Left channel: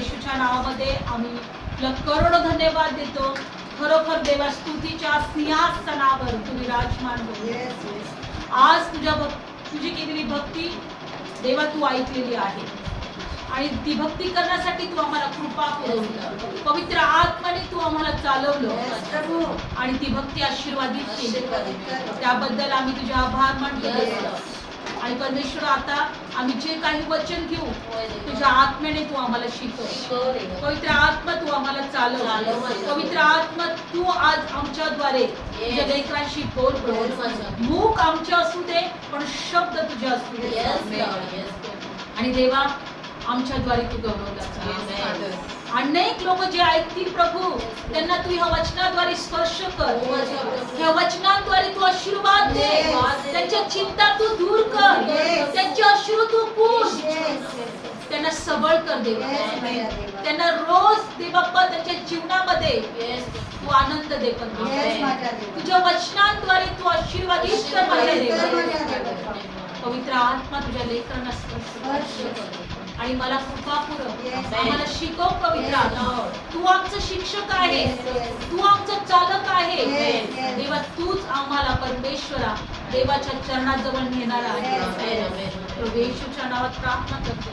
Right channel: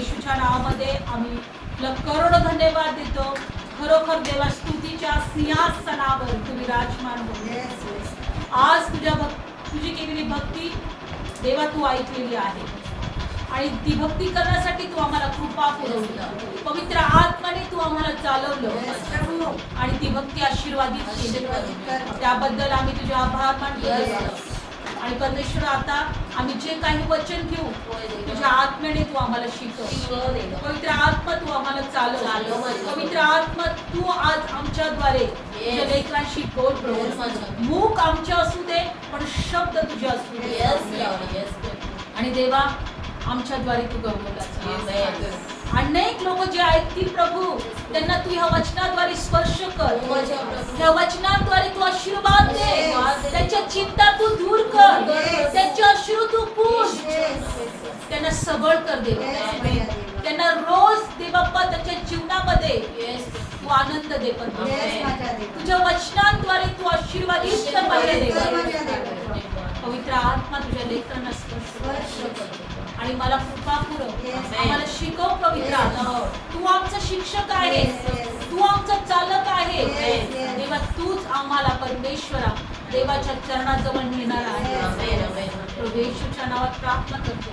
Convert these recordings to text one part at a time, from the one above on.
येशूच्या नावामध्ये आम्ही तुला करोडो धन्यवाद देतो. खरोखर देवा स्तुतीच्या सिंहासनावर तुम्ही राजमान हो आज तुझ्या भक तुझी केलेली भक्ती देवा तू ऐकलेली आहे. आणि ती भक्ती करण्यासाठी तू आम्हाला कृपा पुरवली पवित्र आत्माने तू आम्हाला चालवलं. आणि ती भक्ती आशीर्वादित केली. त्याबद्दल आम्ही तुझे आभार मानतो आणि परमेश्वर आता आम्ही जे काही वचन घेऊ तुझ्या आत्म्याने तू आम्हाला शिकव. पवित्र आत्मा तू आम्हाला चालव. पवित्र आत्मा तू आज आमच्याद्वारे तुझ्या लेकरांशी बोल. प्रभू मूक आमचे असू दे पण शब्द तुझे असू दे. आणि देवा आमच्याद्वारे तू गौरवला जा. अनेक लोक जे ऐकतील प्रभू त्यांना तू ह्या वचनाद्वारे स्पर्श कर. ह्या वचनाद्वारे तू आशीर्वाद दे. त्यांच्या चिंता तू दूर कर. त्यांचे अश्रू तू पुस त्यांना सबळ कर दे त्यांना रोज दे बाप्पा त्यांच्या जीवनामध्ये तू आनंद दे पण तुझ्या वचनांद्वारे तू आशीर्वादित कर माझ्या देवा पवित्र आत्मा तुझ्या लेखनास स्पर्श कर. आणि मला कृपा पुरव. आम्हाला शिकव पवित्र. तू आमचा शिक्षक आहे. तू आमचा चालक आहे. देवा तूच आम्हाला परमेश्वरा देवाच्या चरणाजवळ नेणार आहे Yes. प्रभू येशूच्या नावात प्रार्थना करतो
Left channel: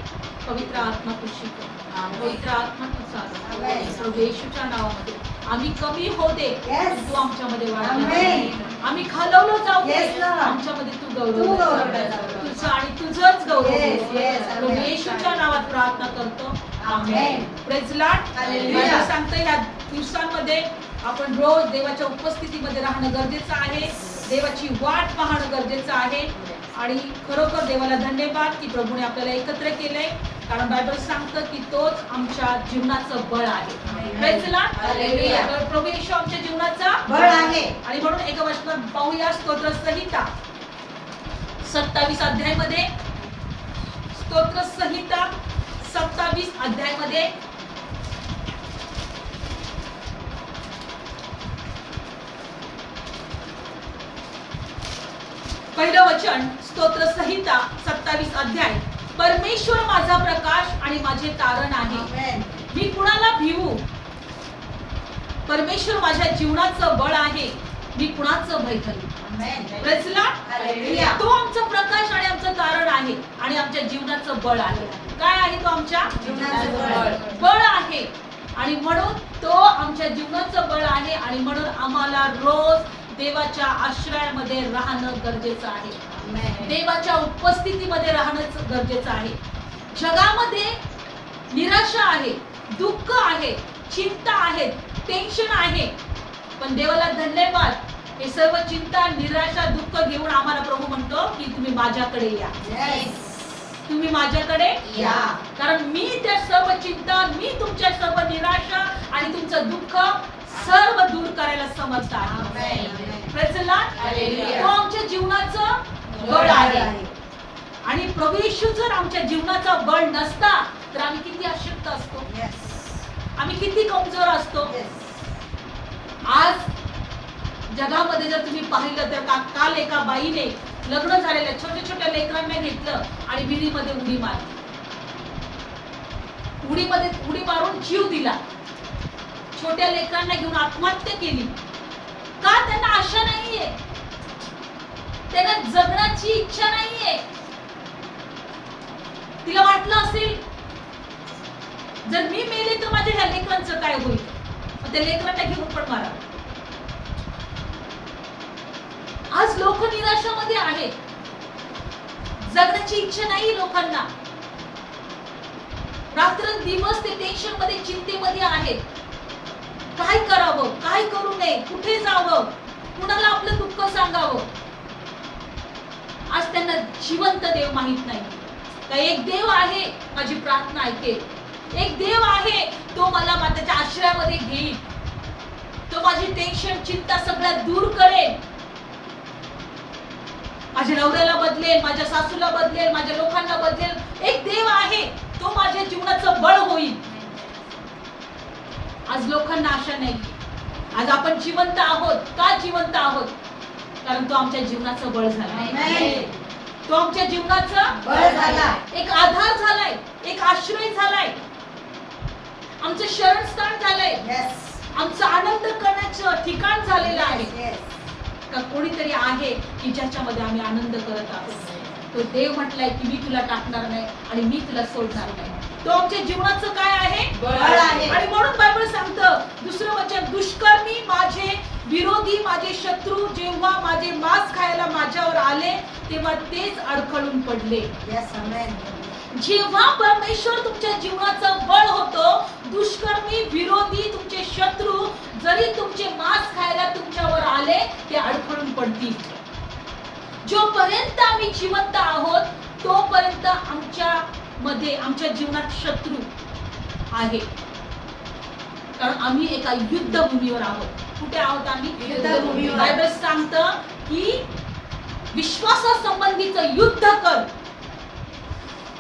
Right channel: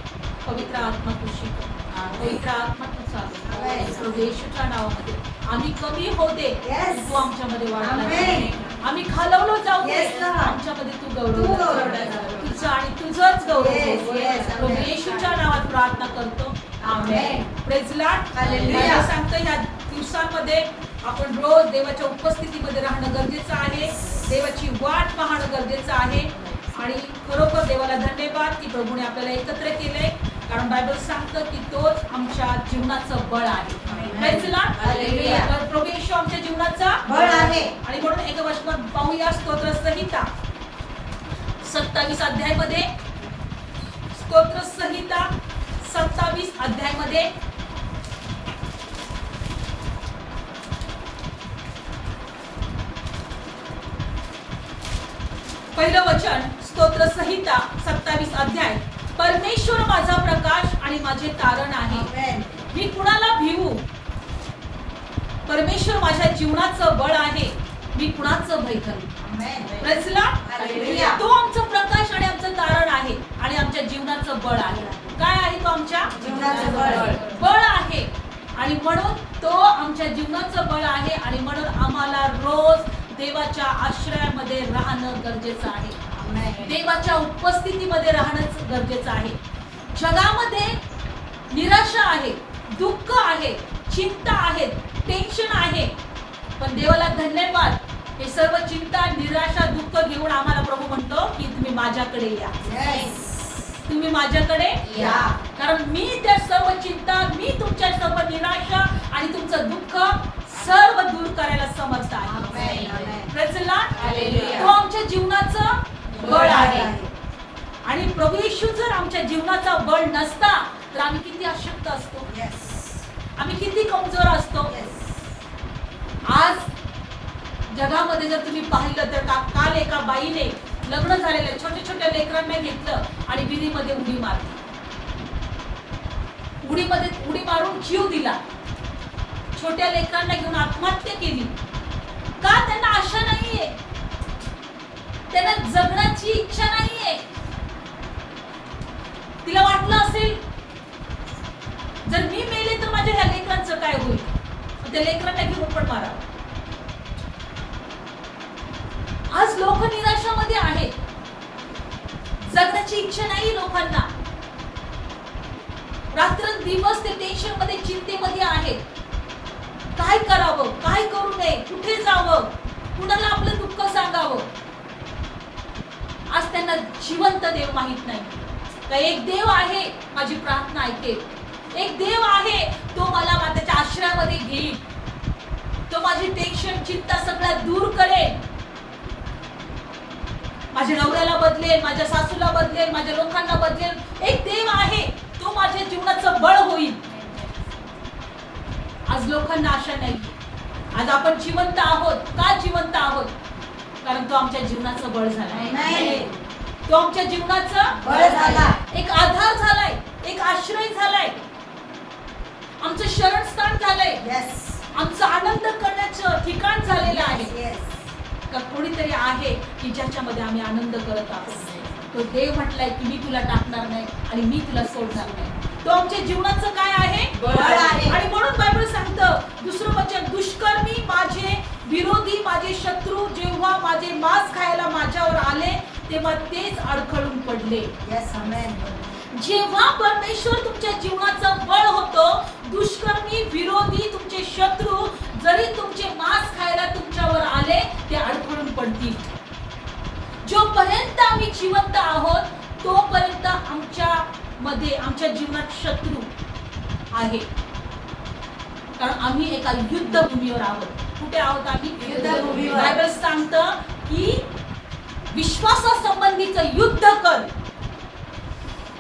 पवित्र आत्मा तू शिकव पवित्र आत्मा तू चालव Amen. प्रभू येशूच्या नावामध्ये आम्ही कमी हो दे. तू आमच्यामध्ये Amen. आम्ही खालवलो जाऊ दे. आमच्यामध्ये तू गौरव. तुझं आणि तुझंच गौरव प्रभू. येशूच्या नावात प्रार्थना करतो. Amen. Praise lord Hallelujah. Bible सांगतं ह्या दिवसांमध्ये आपण रोज देवाच्या उपस्थितीमध्ये राहणं गरजेचं आहे. देवाची वाट पाहणं गरजेचं आहे. आणि खरोखर देवाला धन्यवाद की प्रभूने आपल्याला एकत्र केलंय. कारण बायबल सांगतं की तोच आमच्या जीवनाचं बळ आहे. प्रभू येशू आमच्या जीवनाचा बळ आहे. आणि म्हणून एका वचनात पाहूया स्तोत्र संहिता सत्तावीस अध्यायमध्ये स्तोत्र संहिता सत्तावीस अध्यायमध्ये. पहिलं वचन स्तोत्र संहिता सत्तावीस अध्याय. परमेश्वर माझा प्रकाश आणि माझे तारण आहे. मी कुणाला भिवू? परमेश्वर माझ्या जीवनाचं बळ आहे. मी कुणाचं भय करू. तो आमचं प्रकाश आणि आमचं तारण आहे आणि आमच्या जीवनाचं बळ आहे. काय आहे तो आमच्या? जीवनाचं बळ. बळ. आहे. आणि म्हणून तो आमच्या जीवनाचं बळ आहे आणि म्हणून आम्हाला रोज देवाच्या आश्रयामध्ये राहणं गरजेचं आहे. देवाच्या उपस्थितीमध्ये राहणं गरजेचं आहे. जगामध्ये निराशा आहे दुःख आहे चिंता आहे टेन्शन आहे. पण देवाला धन्यवाद. हे सर्व चिंता निराशा दुःख घेऊन आम्हाला प्रभू म्हणतो की तुम्ही माझ्याकडे या. तुम्ही माझ्याकडे या. कारण मी त्या सर्व चिंता मी तुमच्या सर्व निराशा आणि तुमचं दुःख सर्व दूर करायला समर्थ आहे. तो आमच्या जीवनाचं बळ आहे. आणि प्रभू येशू जर आमच्या जीवनाचा बळ नसता तर आम्ही किती अशक्त असतो? आम्ही किती कमजोर असतो? आज जगामध्ये जर तुम्ही पाहिलं तर का काल एका बाईने लग्न झालेल्या छोट्या छोट्या लेकरांना घेतलं आणि विहिरीमध्ये उडी मारली. उडीमध्ये उडी मारून जीव दिला. छोट्या लेकरांना घेऊन आत्महत्या केली. का त्यांना आशा नाहीये? त्यांना जगण्याची इच्छा नाहीये. तिला वाटलं असेल जर मी मेले तर माझ्या ह्या लेकरांचं काय होईल? त्या लेकरांना घेऊन पण मारा. आज लोक निराशामध्ये आहेत जगण्याची इच्छा नाही लोकांना. रात्र दिवस ते टेन्शनमध्ये चिंतेमध्ये आहेत. काय करावं? काय करू नये? कुठे जावं? कुणाला आपलं दुःख सांगावं? आज त्यांना जिवंत देव माहीत नाही. तर एक देव आहे माझी प्रार्थना ऐकेल एक देव आहे तो मला माताच्या आश्रयामध्ये घेईल. तो माझी टेन्शन चिंता सगळ्या दूर करेल. माझ्या नवऱ्याला बदलेल माझ्या सासूला बदलेल माझ्या लोकांना बदलेल. एक देव आहे तो माझ्या जीवनाचं बळ होईल. आज लोकांना आशा नाही. आज आपण जिवंत आहोत. का जिवंत आहोत? कारण तो आमच्या जीवनाचं बळ झालाय. तो आमच्या जीवनाचा बळ झाला. एक आधार झालाय एक आश्रय झालाय. आमचं शरणस्थान झालंय. आमचं आनंद करण्याचं ठिकाण झालेलं आहे. का कोणीतरी आहे की ज्याच्यामध्ये आम्ही आनंद करत आहोत? तो देव म्हटलाय की मी तुला टाकणार नाही आणि मी तुला सोडणार नाही. तो आमच्या जीवनाचं काय आहे. आणि म्हणून बायबल सांगतं दुसरं वचन दुष्कर्मी माझे विरोधी माझे शत्रू जेव्हा माझे मांस खायला माझ्यावर आले तेव्हा तेच अडखळून पडले. जेव्हा परमेश्वर तुमच्या जीवनाचा बळ होतो दुष्कर्मी विरोधी पडतील जोपर्यंत आम्ही जिवंत आहोत तोपर्यंत आमच्या मध्ये आमच्या जीवनात शत्रू आहे. कारण आम्ही एका युद्धभूमीवर आहोत. कुठे आहोत आम्ही. बायबल सांगतं की विश्वासासंबंधीचं युद्ध कर.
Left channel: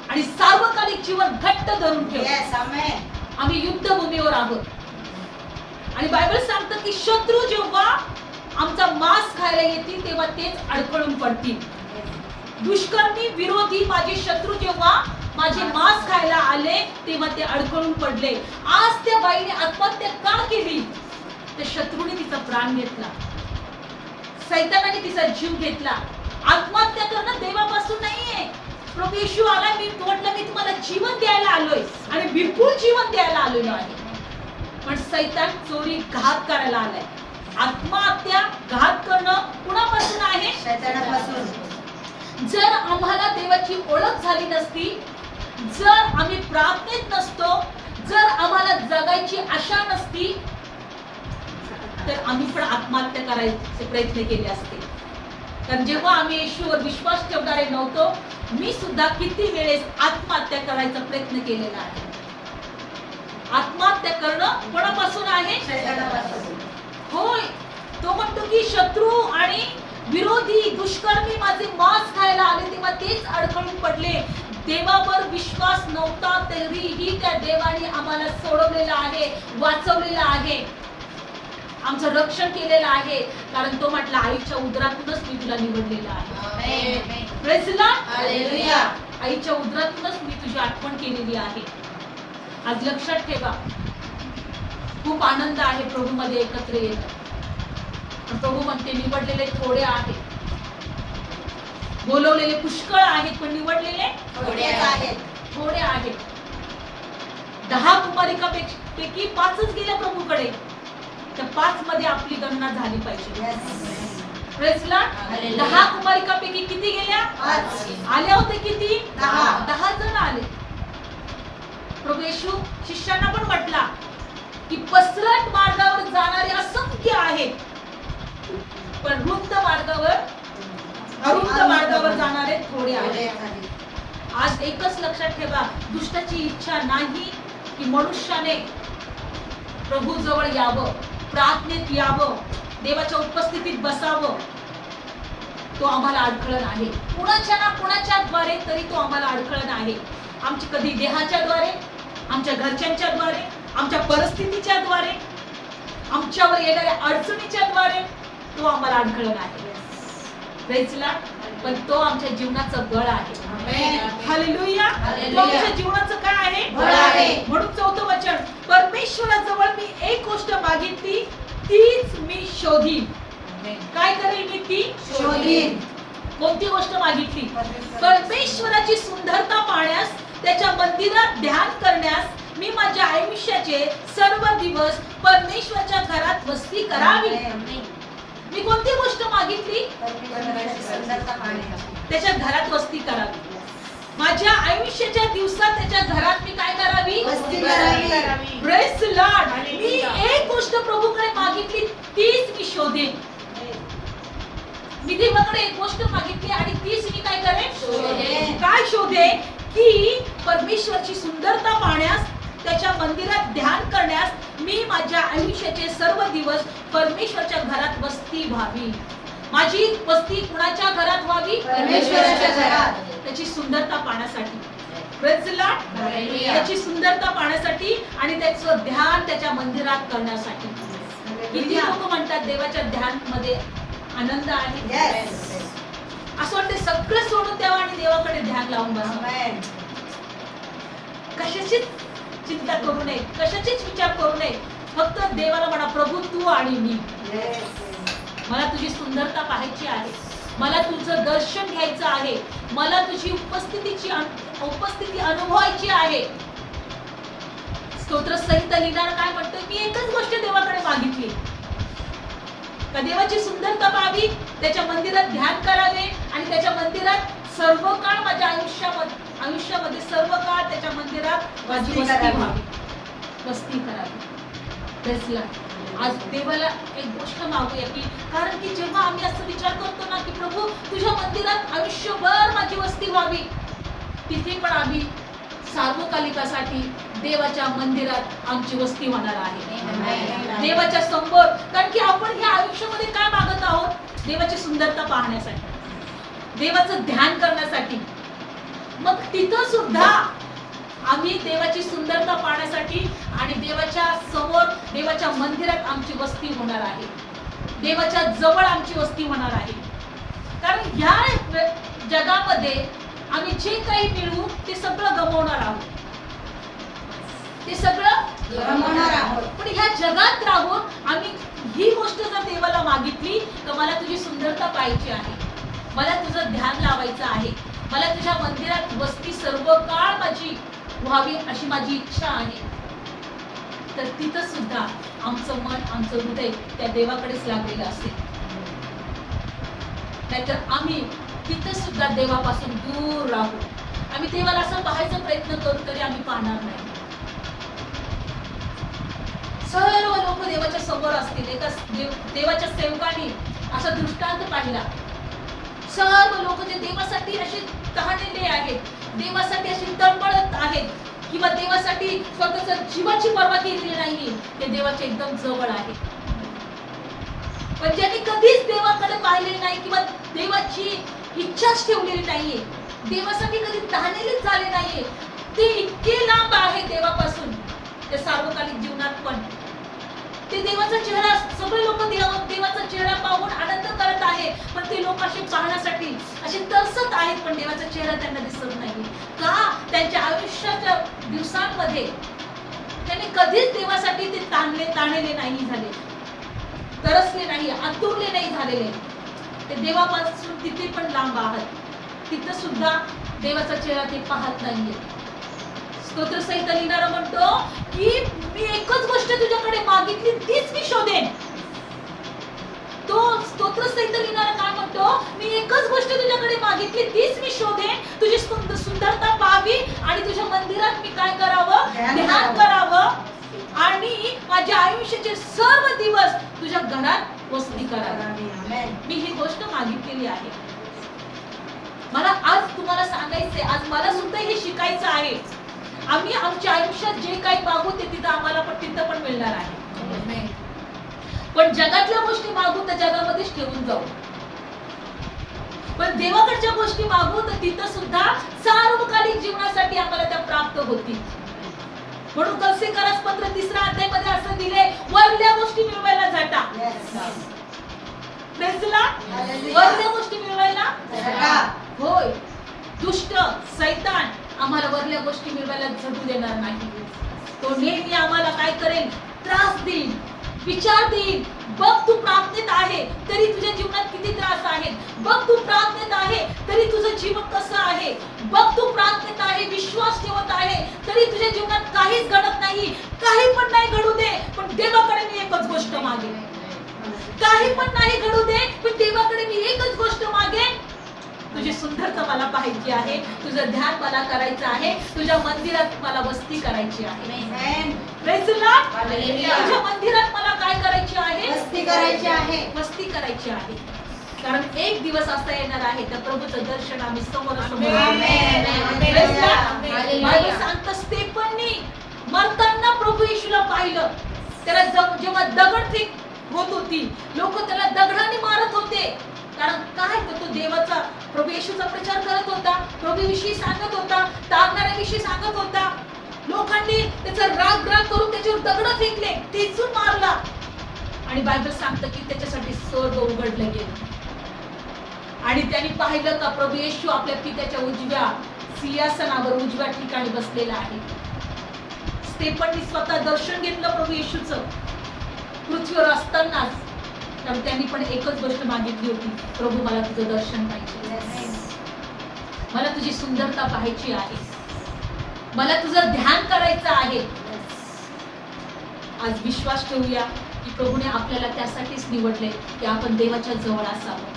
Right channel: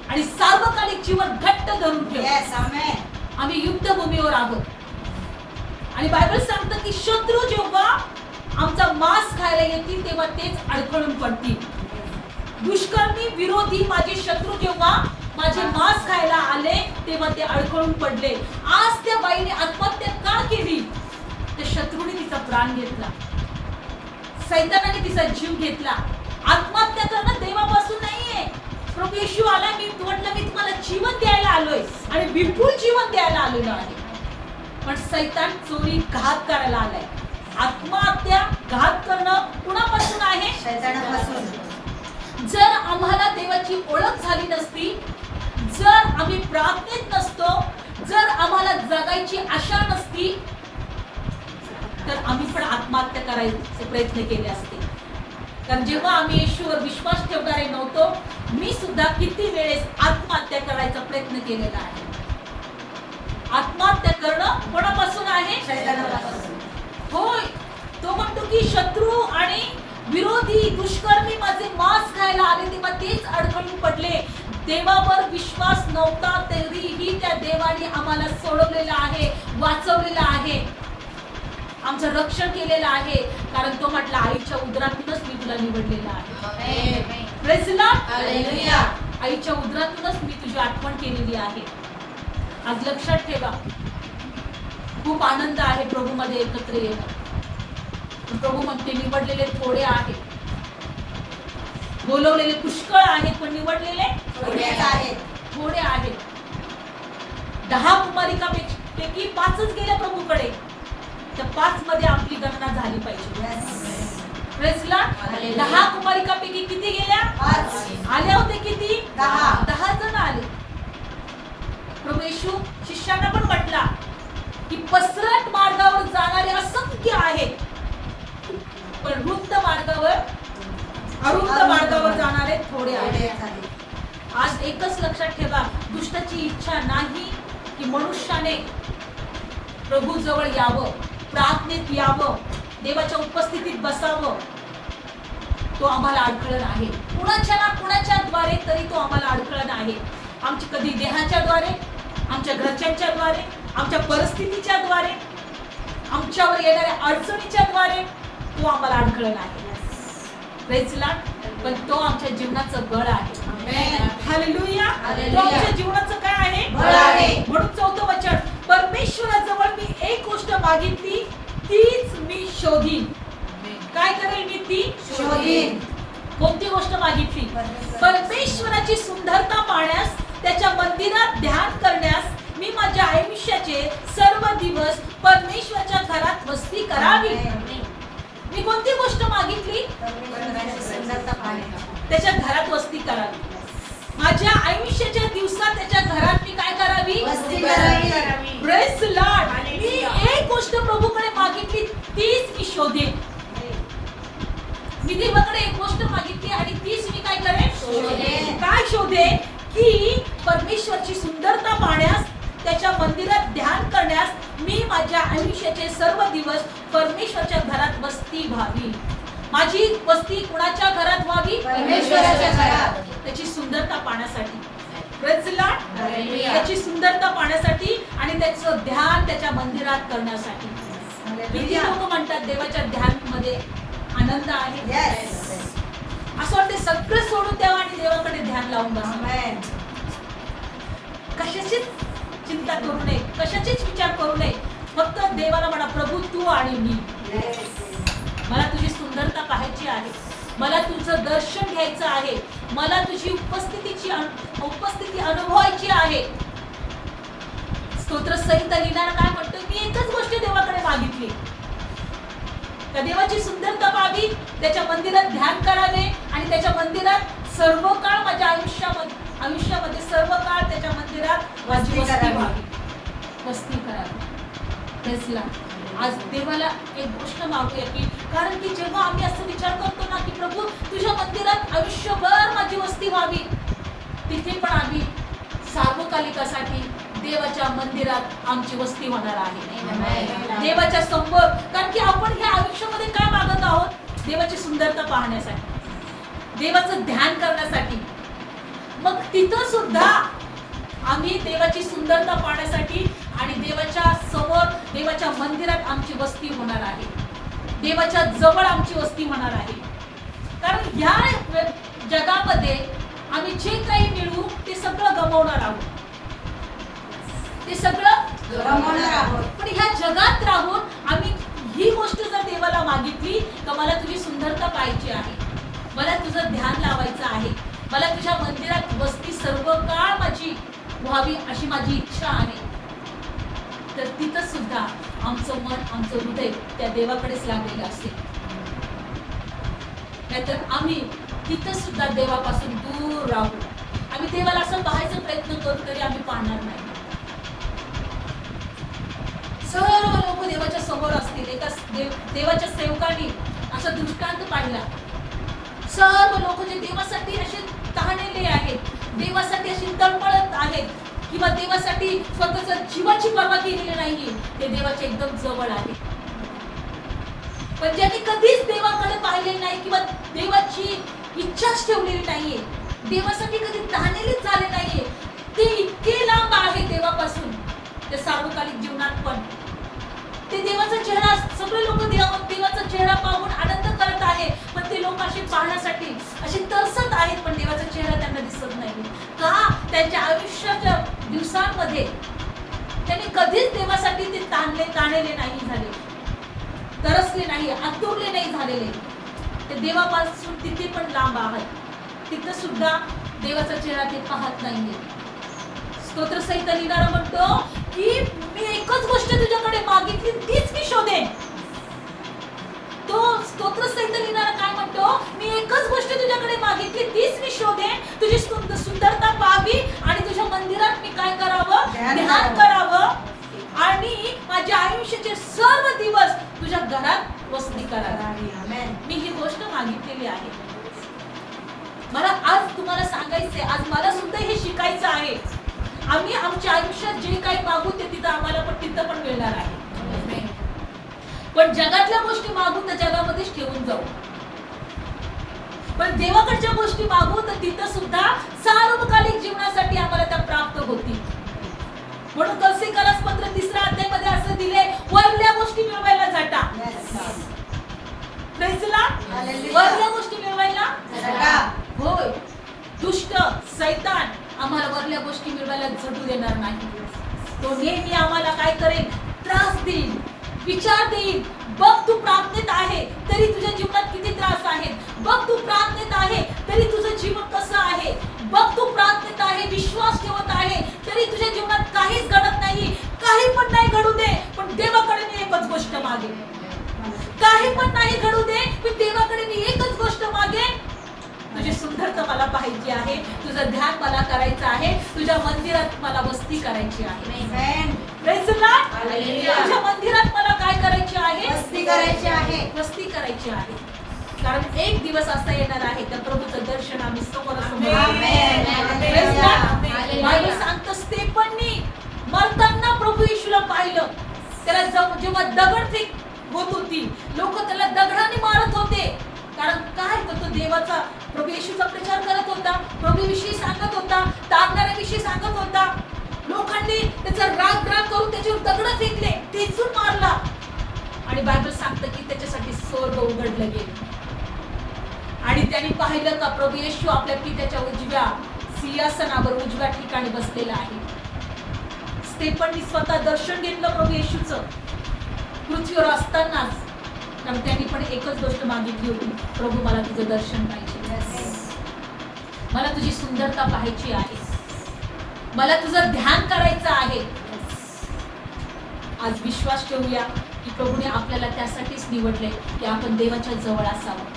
आणि सार्वकालिक जीवन घट्ट धरून ठेव. आम्ही युद्धभूमीवर आहोत. आणि बायबल सांगतं की शत्रू जेव्हा आमचा मांस खायला येतील तेव्हा तेच अडखळून पडतील. दुष्कर्मी विरोधी माझे शत्रू जेव्हा माझे मांस खायला आले तेव्हा ते अडखळून पडले. आज त्या बाईने आत्महत्या का केली? त्या शत्रूने तिचा प्राण घेतला. सैतानाने तिचा जीव घेतला. आत्महत्या करणं देवापासून नाहीये. प्रभू येशू आला मी म्हटलं मी तुम्हाला जीवन द्यायला आलोय आणि विपुल जीवन द्यायला आलेलो आहे. पण सैतान चोरी घात करायला आलाय. आत्महत्या घात करणं कुणापासून आहे? जर आम्हाला देवाची ओळख झाली नसती जर आम्ही प्रार्थनेत नसतो जर आम्हाला जगायची आशा नसती तर आम्ही पण आत्महत्या करायचे प्रयत्न केले असते. कारण जेव्हा आम्ही येशूवर विश्वास ठेवणारे नव्हतो मी सुद्धा किती वेळेस आत्महत्या करायचा प्रयत्न केलेला आहे. आत्महत्या करणं कोणापासून आहे? होय. तो म्हणतो की शत्रू आणि विरोधी दुष्कर्मी माझे मांस खायला आले तेव्हा तेच अडकळून पडले. देवावर विश्वास नव्हता तरीही त्या देवाने आम्हाला सोडवलेलं आहे वाचवलेलं आहे. आमचं रक्षण केलेलं आहे. कारण तो म्हटला आईच्या उदरातूनच मी तुला निवडलेलं आहे. आईच्या उदरातूनच मी तुझी आठवण केलेली आहे. आज लक्षात ठेवा खूप आनंद आहे प्रभूमध्ये एकत्र पण प्रभू म्हणते निवडलेले थोडे आहेत. बोलवलेले पुष्कळ आहेत पण निवडलेले थोडे आहेत. दहा कुमारिका पैकी पाचच गेल्या प्रभूकडे. त्या पाच मध्ये आपली गणना झाली पाहिजे. दहा कुमारिकापैकी किती गेल्या? आले होते किती? दहा. दहा जण आले. प्रभू येशू शिष्यांना पण म्हटला की पसरट मार्गावर जाणारे असंख्य आहेत. पण रुंद मार्गावर अरुंद मार्गावर जाणारे थोडे आहेत. आहेत. आज एकच लक्षात ठेवा दुष्टाची इच्छा नाही की मनुष्याने प्रभू जवळ यावं प्रार्थनेत यावं देवाच्या उपस्थितीत बसावं. तो आम्हाला अडखळण आहे. कुणाच्या ना कुणाच्या द्वारे तरी तो आम्हाला अडखळण आहे. आमची कधी देहाच्या द्वारे आमच्या घरच्यांच्या द्वारे आमच्या परिस्थितीच्या द्वारे आमच्यावर येणाऱ्या अडचणीच्या द्वारे तो आम्हाला अडखळण आहे. पण तो आमच्या जीवनाचं बळ आहे Amen. हालेलुया तो आमच्या जीवनाचं काय आहे. म्हणून चौथं वचन परमेश्वराजवळ मी एक गोष्ट मागितली तीच मी शोधीन. काय करेल मी ती शोधीन. कोणती गोष्ट मागितली परमेश्वर- परमेश्वराची सुंदरता पाहण्यास त्याच्या मंदिरात ध्यान करण्यास आयुष्याचे सर्व दिवस परमेश्वराच्या घरात वस्ती करावी. मी कोणती गोष्ट मागितली. त्याच्या घरात वस्ती करावी माझ्या आयुष्याच्या दिवसात त्याच्या घरात मी काय करावी. मी. एक गोष्ट प्रभूकडे मागितली तीच मी शोधेन मी देवाकडे एक गोष्ट मागितली आणि तीच मी काय करेन. काय शोधेन की परमेश्वरची सुंदरता पाहण्यास त्याच्या मंदिरात ध्यान करण्यास मी माझ्या आयुष्याचे सर्व दिवस परमेश्वरच्या घरात वस्ती व्हावी. माझी वस्ती कुणाच्या घरात व्हावी? परमेश्वराच्या घरात. त्याची सुंदरता पाहण्यासाठी. त्याची सुंदरता पाहण्यासाठी आणि त्याचं ध्यान त्याच्या मंदिरात करण्यासाठी. किती लोक म्हणतात देवाच्या ध्यानमध्ये आनंद आहे. असं वाटतं सगळं सोडून द्यावं आणि देवाकडे ध्यान लावून Amen. कशाची चिंता करू नये कशाचीच विचार करू नये. फक्त देवाला म्हणा प्रभू तू आणि मी. मला तुझी सुंदरता पाहायची आहे. मला तुझं दर्शन घ्यायचं आहे. मला तुझी उपस्थितीची उपस्थिती अनुभवायची आहे. स्तोत्र सहित लिहिणार काय म्हणतोय? मी एकच गोष्ट देवाकडे मागितली. का देवाची सुंदरता पाहावी? त्याच्या मंदिरात ध्यान करावे आणि त्याच्या मंदिरात सर्व काळ माझ्या आयुष्यामध्ये आयुष्यामध्ये सर्व काळ त्याच्या मंदिरात माझी वस्ती. व्हावी. वस्ती करावी. Lord. आज देवाला एक गोष्ट मागूया की कारण की जेव्हा आम्ही असं विचार करतो ना की प्रभू तुझ्या मंदिरात आयुष्यभर माझी वस्ती व्हावी. तिथे पण आम्ही सार्वकालिकासाठी देवाच्या मंदिरात आमची वस्ती होणार आहे. देवाच्या समोर. कारण की आपण ह्या आयुष्यामध्ये काय मागत आहोत? देवाची सुंदरता पाहण्यासाठी. देवाचं ध्यान करण्यासाठी. मग तिथं सुद्धा आम्ही देवाची सुंदरता पाहण्यासाठी आणि देवाच्या समोर देवाच्या मंदिरात आमची वस्ती होणार आहे. देवाच्या जवळ आमची वस्ती होणार आहे. कारण ह्या जगामध्ये आम्ही जे काही मिळवू ते सगळं गमावणार आहोत. ते सगळं गमावणार आहोत. पण ह्या जगात राहून आम्ही ही गोष्ट जर देवाला मागितली तर मला तुझी सुंदरता पाहायची आहे. मला तुझं ध्यान लावायचं आहे. मला तुझ्या मंदिरात बसती सर्व काळ माझी व्हावी अशी माझी इच्छा आहे. तर तिथं सुद्धा आमचं मन आमचं हृदय त्या देवाकडेच लागलेलं असेल. नाहीतर आम्ही तिथं सुद्धा देवापासून दूर राहू. आम्ही देवाला असं पाहायचा प्रयत्न करू तरी आम्ही पाहणार नाही. सर्व लोक देवाच्या समोर असतील. एका देव- देवाच्या सेवकांनी असा दृष्टांत पाहिला. सर्व लोक जे देवासाठी असे तहानेले आहेत देवासाठी असे तळमळत आहेत किंवा देवासाठी स्वतःच जीवाची पर्वा केलेली नाही ते देवाच्या एकदम जवळ आहे. पण ज्यांनी कधीच देवाकडे पाहिलेले नाही किंवा देवाची इच्छाच ठेवलेली नाहीये देवासाठी कधी तहानेलीच झाले नाहीये ते इतके लांब आहे देवापासून त्या सार्वकालिक जीवनात पण. ते देवाचा चेहरा सगळे लोक देवाचा चेहरा पाहून आनंद करत आहे. पण ते लोक असे पाहण्यासाठी असे तरसत आहेत पण देवाचा चेहरा त्यांना दिसत नाही. का? त्यांच्या आयुष्याच्या दिवसांमध्ये त्यांनी कधीच देवासाठी ते ताणले ताणलेले नाही झाले. तरसले नाही आतुरले नाही झालेले. ते देवापासून तिथे पण लांब आहात. तिथं सुद्धा देवाचा चेहरा ते पाहत नाहीये. स्तोत्र सहित लिहिणारा म्हणतो की मी एकच गोष्ट तुझ्याकडे मागितली तीच मी शोधेन. तो स्तोत्र सहित लिहिणारा काय म्हणतो? मी एकच गोष्ट तुझ्याकडे मागितली तीच मी शोधेन. तुझी सुंद- सुंदरता पाहावी आणि तुझ्या मंदिरात मी काय करावं? ध्यान करावं. आणि माझ्या आयुष्याचे सर्व दिवस तुझ्या घरात वस्ती करावी. मी ही गोष्ट मागितलेली आहे. मला आज तुम्हाला सांगायचंय आज मला सुद्धा हे शिकायचं आहे. आम्ही आमच्या आयुष्यात जे काही मागू ते तिथं आम्हाला पण तिथं पण मिळणार आहे. पण जगातल्या गोष्टी मागू तर जगामध्येच ठेवून जाऊ. पण देवाकडच्या गोष्टी मागू तर तिथं सुद्धा सार्वकालिक जीवनासाठी आम्हाला त्या प्राप्त होतील. म्हणून कसे करास पत्र तिसऱ्या अध्यायामध्ये असं दिले वरल्या गोष्टी मिळवायला जाता. वरल्या गोष्टी मिळवायला. होय. दुष्ट सैतान आम्हाला वरल्या गोष्टी मिळवायला झटू देणार नाही. तो नेहमी आम्हाला काय करेल? त्रास देईल विचार देईल. बघ तू प्रार्थनेत आहे तरी तुझ्या जीवनात किती त्रास आहेत. बघ तू प्रार्थनेत आहे तरी तुझं जीवन कसं आहे. बघ तू प्रार्थनेत आहे विश्वास ठेवत आहे तरी तुझ्या जीवनात काहीच घडत नाही. काही पण नाही घडू दे पण देवाकडे मी एकच गोष्ट मागे काही पण नाही घडू दे पण देवाकडे मी एकच गोष्ट मागेन. तुझी सुंदरता मला पाहायची आहे तुझं ध्यान मला करायचं आहे तुझ्या मंदिरात मला वस्ती करायची आहे. तुझ्या मंदिरात मला काय करायची आहे? वस्ती करायची आहे. वस्ती करायची आहे. कारण एक दिवस असा येणार आहे त्या प्रभूचं दर्शन आम्ही. Hallelujah. बायबल सांगतं स्टेफननी मरताना प्रभू येशूला पाहिलं. त्याला जव- जेव्हा दगड फेक होत होती लोक त्याला दगडाने मारत होते. कारण काय तो देवाचा प्रभू येशूचा प्रचार करत होता प्रभूविषयी सांगत होता तारणाऱ्याविषयी सांगत होता. लोकांनी त्याचा राग राग करून त्याच्यावर दगड फेकले तेचून मारला. आणि बायबल सांगतं की त्याच्यासाठी स्वर्ग उघडलं गेलं. आणि त्यांनी पाहिलं का प्रभू येशू आपल्या पित्याच्या उजव्या सिंहासनावर उजव्या ठिकाणी बसलेला आहे. स्टेपननी स्वतः दर्शन घेतलं प्रभू येशूचं. पृथ्वीवर असतानाच कारण त्यांनी पण एकच गोष्ट मागितली होती प्रभू मला तुझं दर्शन पाहिजे. मला तुझी सुंदरता पाहायची आहे. मला तुझं ध्यान करायचं आहे. आज विश्वास ठेवूया की प्रभूने आपल्याला त्यासाठीच निवडले की आपण देवाच्या जवळ असावं.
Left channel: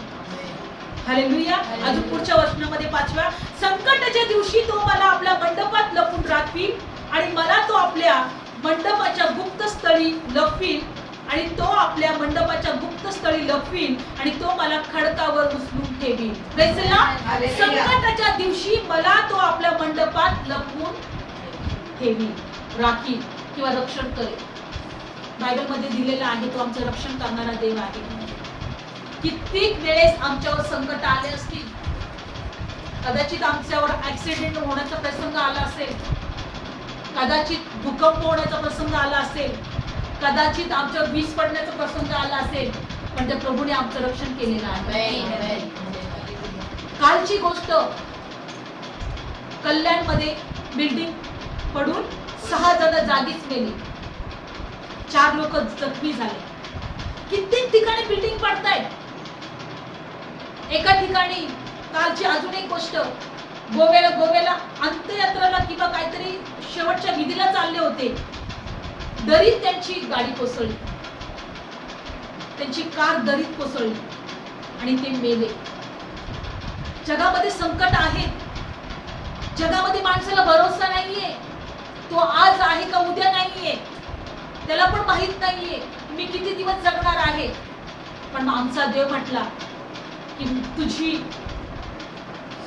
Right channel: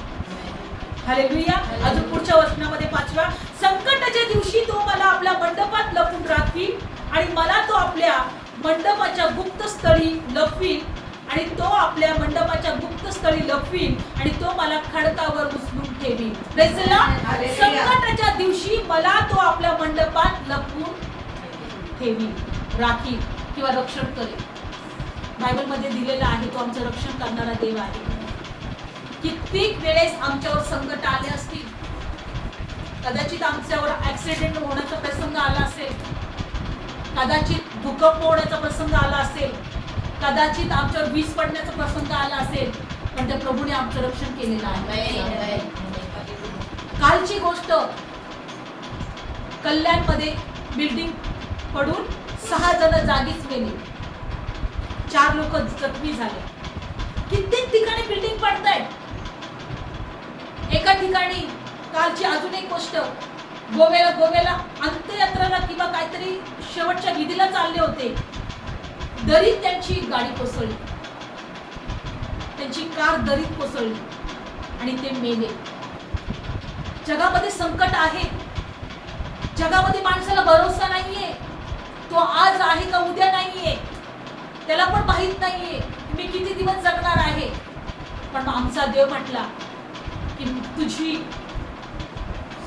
हालेलुया अजून पुढच्या वचनामध्ये पाचव्या संकटाच्या दिवशी तो मला आपल्या मंडपात लपून राखवी आणि मला तो आपल्या मंडपाच्या गुप्त स्थळी लपवील. आणि तो आपल्या मंडपाच्या गुप्त स्थळी लपवील आणि तो मला खडकावर उचलून. Hallelujah. संकटाच्या दिवशी मला तो आपल्या मंडपात लपवून ठेवील राखील किंवा रक्षण करेल. बायबलमध्ये दिलेला आहे तो आमचं रक्षण करणारा देव आहे. कित्येक वेळेस आमच्यावर संकट आले असतील. कदाचित आमच्यावर ऍक्सिडेंट होण्याचा प्रसंग आला असेल. कदाचित भूकंप होण्याचा प्रसंग आला असेल. कदाचित आमच्यावर वीज पडण्याचा प्रसंग आला असेल पण त्या प्रभूने आमचं रक्षण केलेलं आहे. कालची गोष्ट कल्याणमध्ये बिल्डिंग पडून सहा जण जागीच मेले चार लोक जखमी झाले. कित्येक ठिकाणी बिल्डिंग पडतायत. एका ठिकाणी कालची अजून एक गोष्ट गोव्याला गोव्याला अंत्ययात्राला किंवा काहीतरी शेवटच्या विधीला चालले होते. दरीत त्यांची गाडी कोसळली. त्यांची कार दरीत कोसळली आणि ते मेले. जगामध्ये संकट आहे. जगामध्ये माणसाला भरोसा नाहीये. तो आज आहे का उद्या नाहीये. त्याला पण माहीत नाहीये मी किती दिवस जगणार आहे. पण आमचा देव म्हटला की तुझी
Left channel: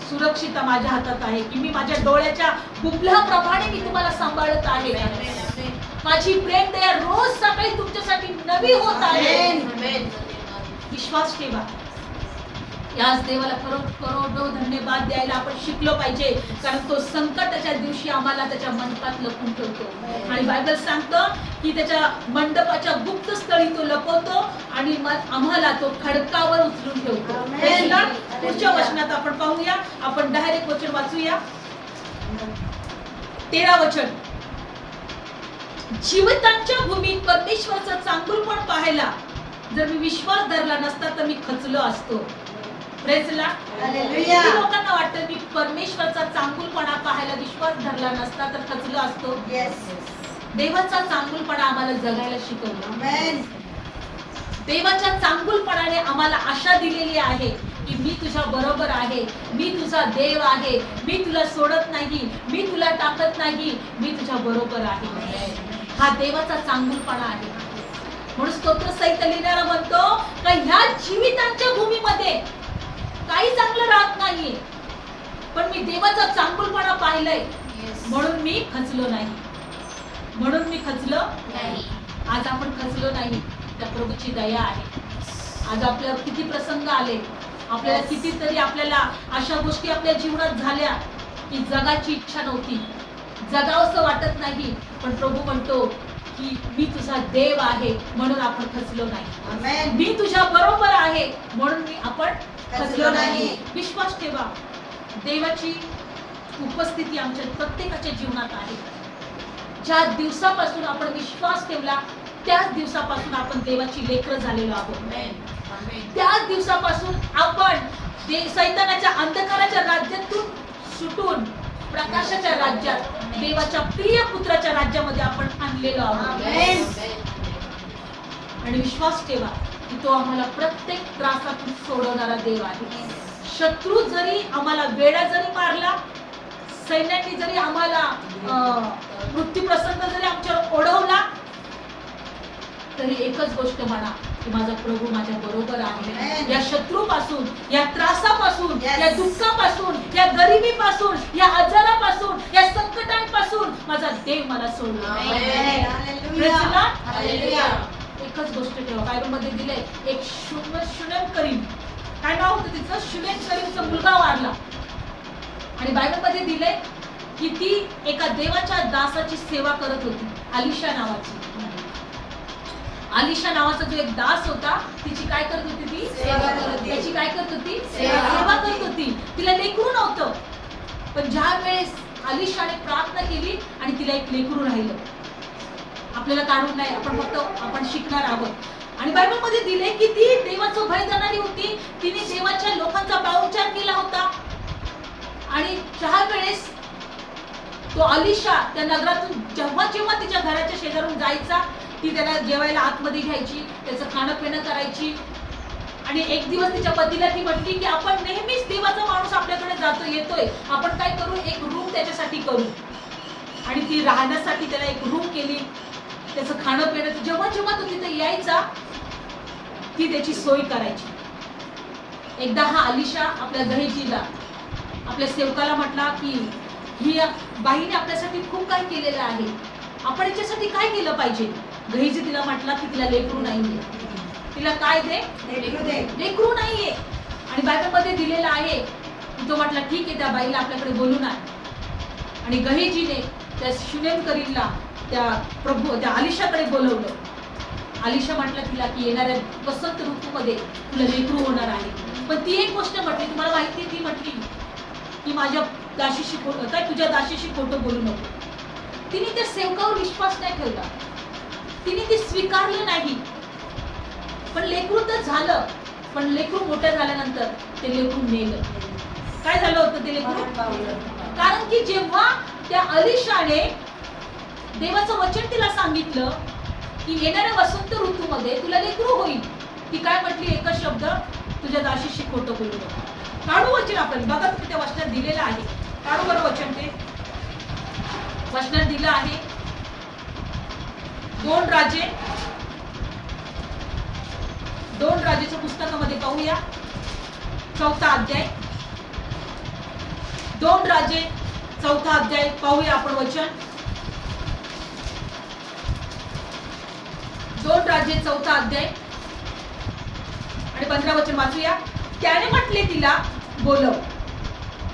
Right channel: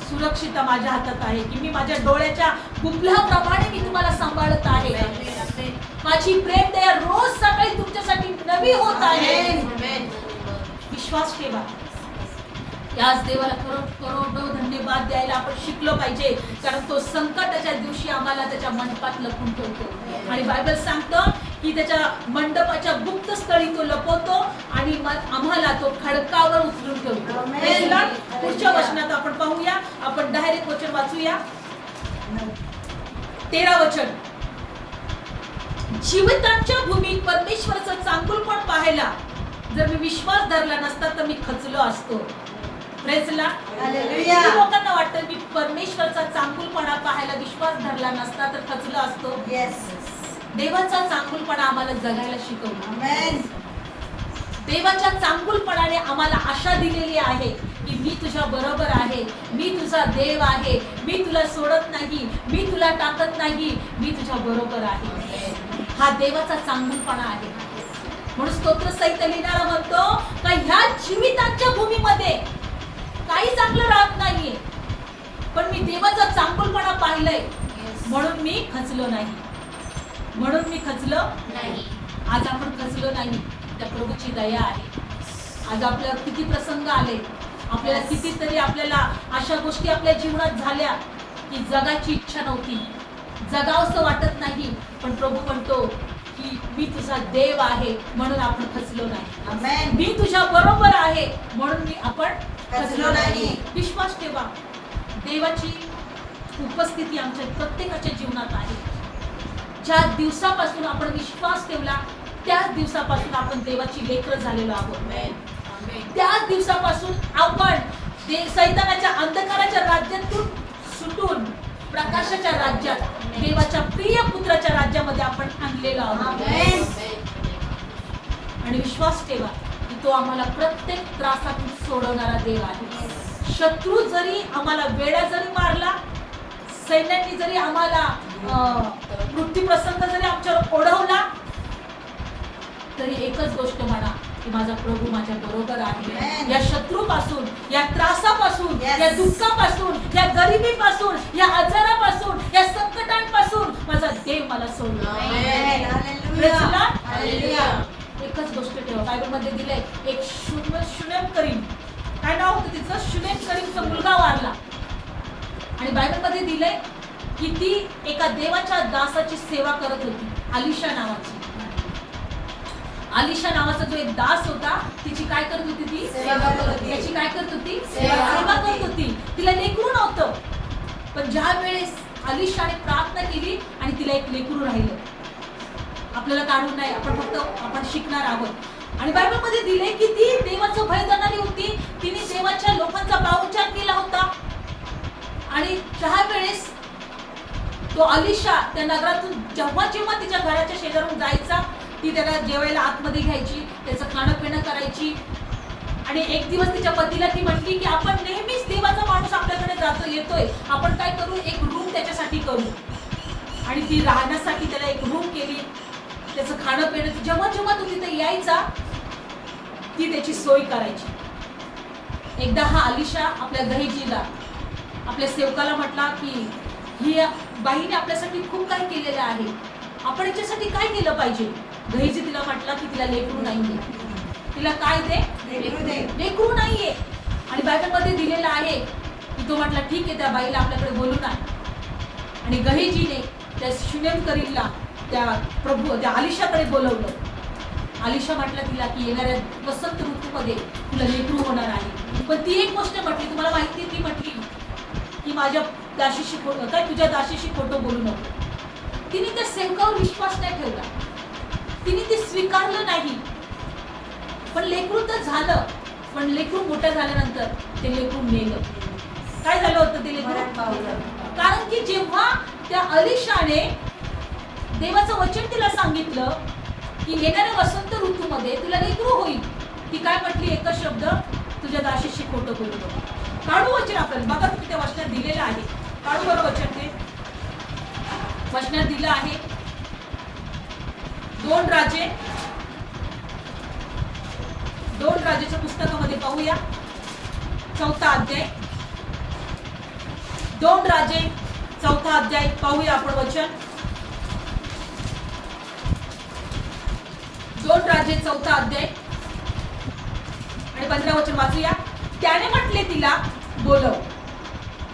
सुरक्षितता माझ्या हातात आहे की मी माझ्या डोळ्याच्या गुबल्याप्रमाणे मी तुम्हाला सांभाळत आहे. माझी प्रेम दया रोज सकाळी तुमच्यासाठी नवी होत आहे. विश्वास ठेवा. याच देवाला करोड करोड धन्यवाद द्यायला आपण शिकलो पाहिजे. कारण तो संकटाच्या दिवशी आम्हाला त्याच्या मंडपात लपून ठेवतो. आणि बायबल सांगतं की त्याच्या मंडपाच्या गुप्त स्थळी तो लपवतो आणि मग आम्हाला तो खडकावर उचलून ठेवतो. पुढच्या वचनात आपण पाहूया. आपण डायरेक्ट वचन वाचूया. तेरा वचन. जीवितांच्या भूमीत परमेश्वराचं चांगुलपण पाहायला? जर मी विश्वास धरला नसता तर मी खचलो असतो. लोकांना वाटतं मी परमेश्वरचा चांगुलपणा पाहायला विश्वास धरला नसता तर खचलो असतो. देवाचा चांगुलपणा आम्हाला जगायला शिकवला. देवाच्या चांगुलपणाने आम्हाला आशा दिलेली आहे की मी तुझ्या बरोबर आहे मी तुझा देव आहे मी तुला सोडत नाही मी तुला टाकत नाही मी तुझ्या बरोबर आहे. हा देवाचा चांगुलपणा आहे. म्हणून स्तोत्र सहित लिहिणारा म्हणतो का ह्या जीवितांच्या भूमीमध्ये काही चांगलं राहत नाहीये. पण मी देवाचा चांगुलपणा पाहिलंय. म्हणून मी खचलो नाही. म्हणून मी खचलो आज आपण खचलो नाही. त्या प्रभूची दया आहे. आज आपल्यावर किती प्रसंग आले. आपल्याला. कितीतरी आपल्याला अशा गोष्टी आपल्या जीवनात झाल्या की जगाची इच्छा नव्हती. जगावंसं वाटत नाही. पण प्रभू म्हणतो की मी तुझा देव आहे म्हणून आपण खचलो नाही. मी तुझ्या बरोबर आहे म्हणून मी आपण खचलो नाही. विश्वास ठेवा. देवाची उपस्थिती आमच्या प्रत्येकाच्या जीवनात आहे. ज्या दिवसापासून आपण विश्वास ठेवला त्याच दिवसापासून आपण देवाची लेकर झालेलो आहोत. त्याच दिवसापासून आपण सैतानाच्या अंधकाराच्या राज्यातून सुटून प्रकाशाच्या राज्यात देवाच्या प्रिय पुत्राच्या राज्यामध्ये आपण आणलेलो आहोत. आणि विश्वास ठेवा की तो आम्हाला प्रत्येक त्रासातून सोडवणारा देव आहे शत्रू जरी आम्हाला वेडा जरी मारला सैन्यांनी जरी आम्हाला अं, मृत्यू प्रसंग जरी आमच्यावर ओढवला तरी एकच गोष्ट म्हणा की माझा प्रभू माझ्या बरोबर आहे. या शत्रूपासून या त्रासापासून Yes. या दुःखापासून या गरिबीपासून या आजारापासून या संकटांपासून माझा देव मला सोडला. एकच गोष्ट ठेवा. बायबलमध्ये दिलंय एक शुन्य शुनेम करीम. काय नाव होतं तिचं? शुनेम करीमचा मुलगा वारला. आणि बायबलमध्ये दिलंय की ती एका देवाच्या दासाची सेवा करत होती आलिशा नावाची. आलिशा नावाचा जो एक दास होता तिची काय करत होती ती. त्याची काय करत होती? सेवा. करत होती. तिला लेकरू नव्हतं. पण ज्या वेळेस आलिशाने प्रार्थना केली आणि तिला एक लेकरू राहिलं. आपल्याला काढून नाही आपण फक्त आपण शिकणार आहोत. आणि बायबलमध्ये दिले की ती देवाचं भय जाणारी होती. तिने देवाच्या लोकांचा पाहुणचार केला होता. आणि चार वेळेस तो अलिशा त्या नगरातून जेव्हा जेव्हा तिच्या घराच्या शेजारून जायचा ती त्याला जेवायला आतमध्ये घ्यायची त्याचं खाणं पिणं करायची. आणि एक दिवस तिच्या पतीला ती म्हटली की आपण नेहमीच देवाचा माणूस आपल्याकडे जातो येतोय. आपण काय करू? एक रूम त्याच्यासाठी करू. आणि ती राहण्यासाठी त्याला एक रूम केली. त्याचं खाणं पिणं जेव्हा जेव्हा तो तिथे यायचा ती त्याची सोय करायची. एकदा हा अलिशा आपल्या दहीजीला आपल्या सेवकाला म्हटला की ही बाईने आपल्यासाठी खूप काही केलेलं आहे. आपण याच्यासाठी काय केलं पाहिजे? गहिजी तिला म्हटला की तिला लेकरू नाहीये. तिला काय दे? लेकरू नाहीये. आणि बायबलमध्ये दिलेलं आहे. की तो म्हटला ठीक आहे त्या बाईला आपल्याकडे बोलून आहे आणि गहिजीने त्या शुनेम करीलला त्या प्रभू त्या आलिशाकडे बोलवलं. आलिशा म्हटला तिला की येणाऱ्या वसंत ऋतूमध्ये तुला लेकरू होणार आहे. पण ती एक गोष्ट म्हटली तुम्हाला माहिती ती म्हटली की माझ्या दाशीशी खो- काय तुझ्या दाशीशी खोटं बोलू नको. तिने त्या सेवकावर विश्वास नाही ठेवला. तिने ते स्वीकारलं नाही. पण लेकरू तर झालं. पण लेकरू मोठं झाल्यानंतर ते लेकरू नेलं काय झालं होतं ते लेकरू. कारण की जेव्हा त्या अलिशाने देवाचं वचन तिला सांगितलं की येणाऱ्या वसंत ऋतूमध्ये तुला लेकरू होईल. ती काय म्हटली? एकच शब्द तुझ्या दाशीशी खोटं बोलू नको. काढू वचन आपण बघा तुम्ही त्या वचनात दिलेलं आहे. काढू बरं वचन ते. वचनात दिलं आहे. दोन राजे. दोन राजेच्या पुस्तकामध्ये पाहूया. चौथा अध्याय. दोन राजे चौथा अध्याय पाहूया आपण वचन. दोन राजे चौथा अध्याय. आणि पंधरा वचन वाचूया. त्याने म्हटले तिला बोलव.